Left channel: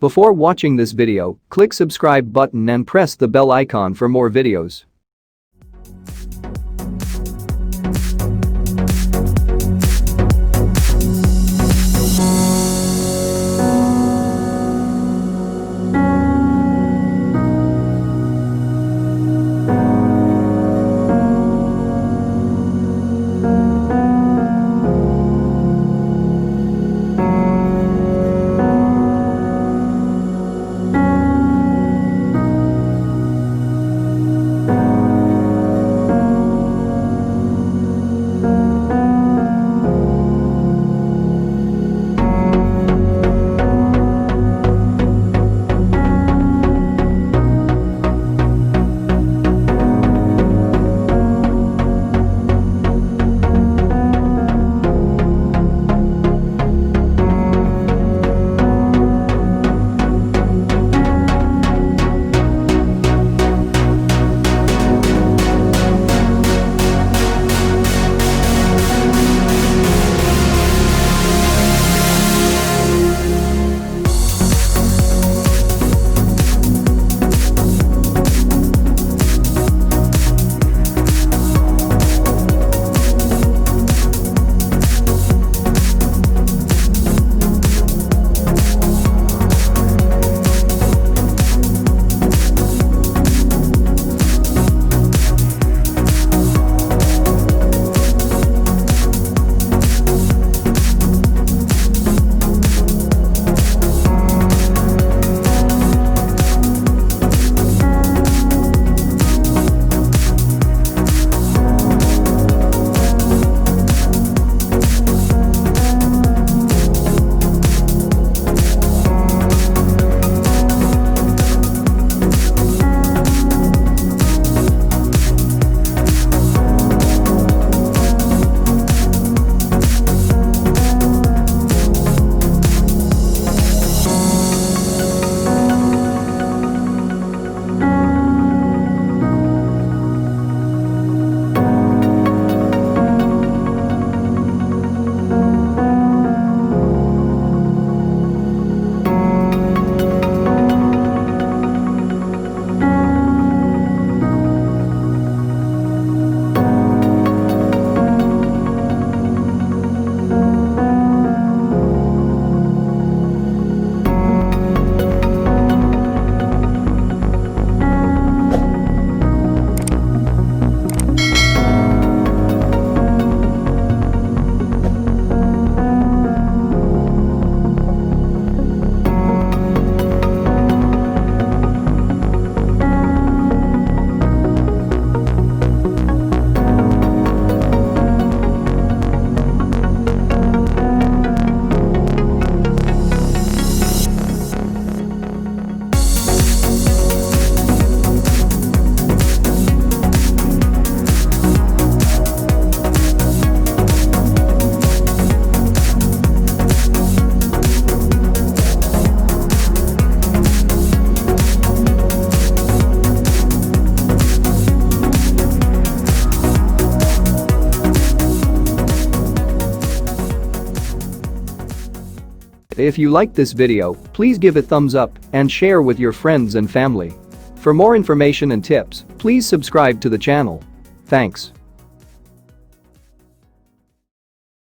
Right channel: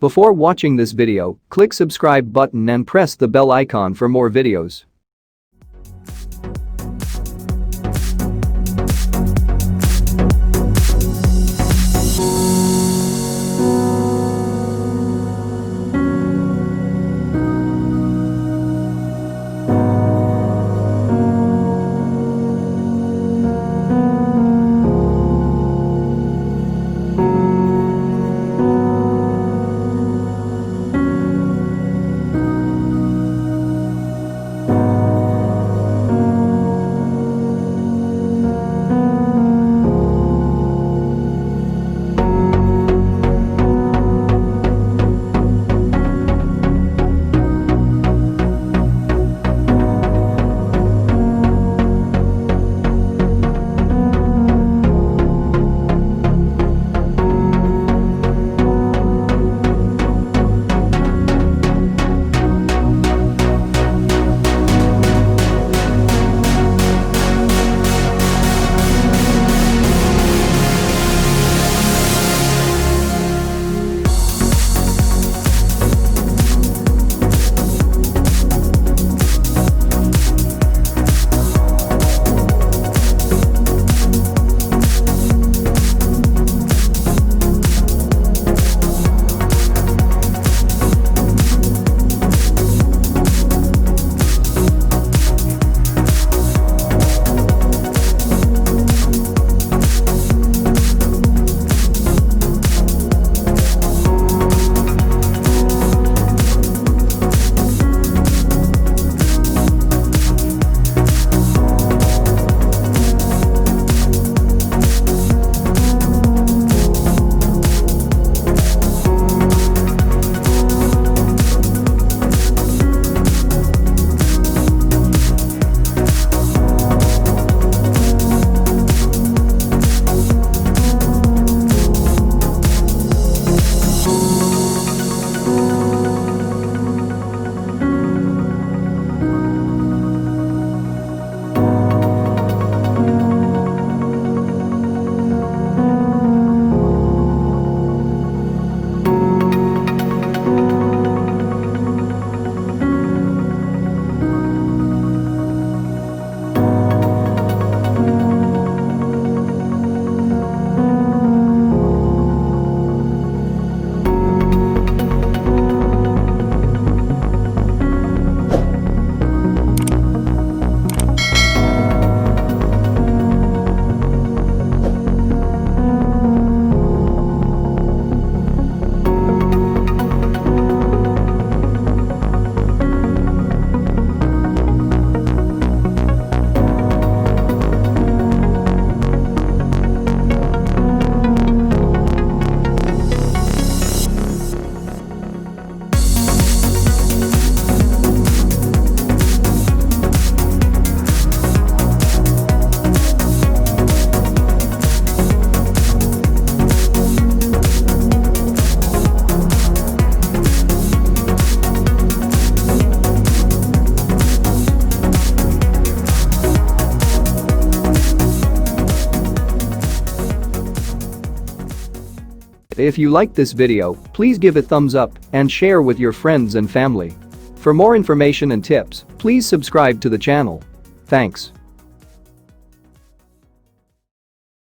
Before watching this video, click subscribe button and press the bell icon for more videos. If you liked this video, please give it thumbs up and share with your friends and family. For more information and tips, please subscribe to the channel. Thanks.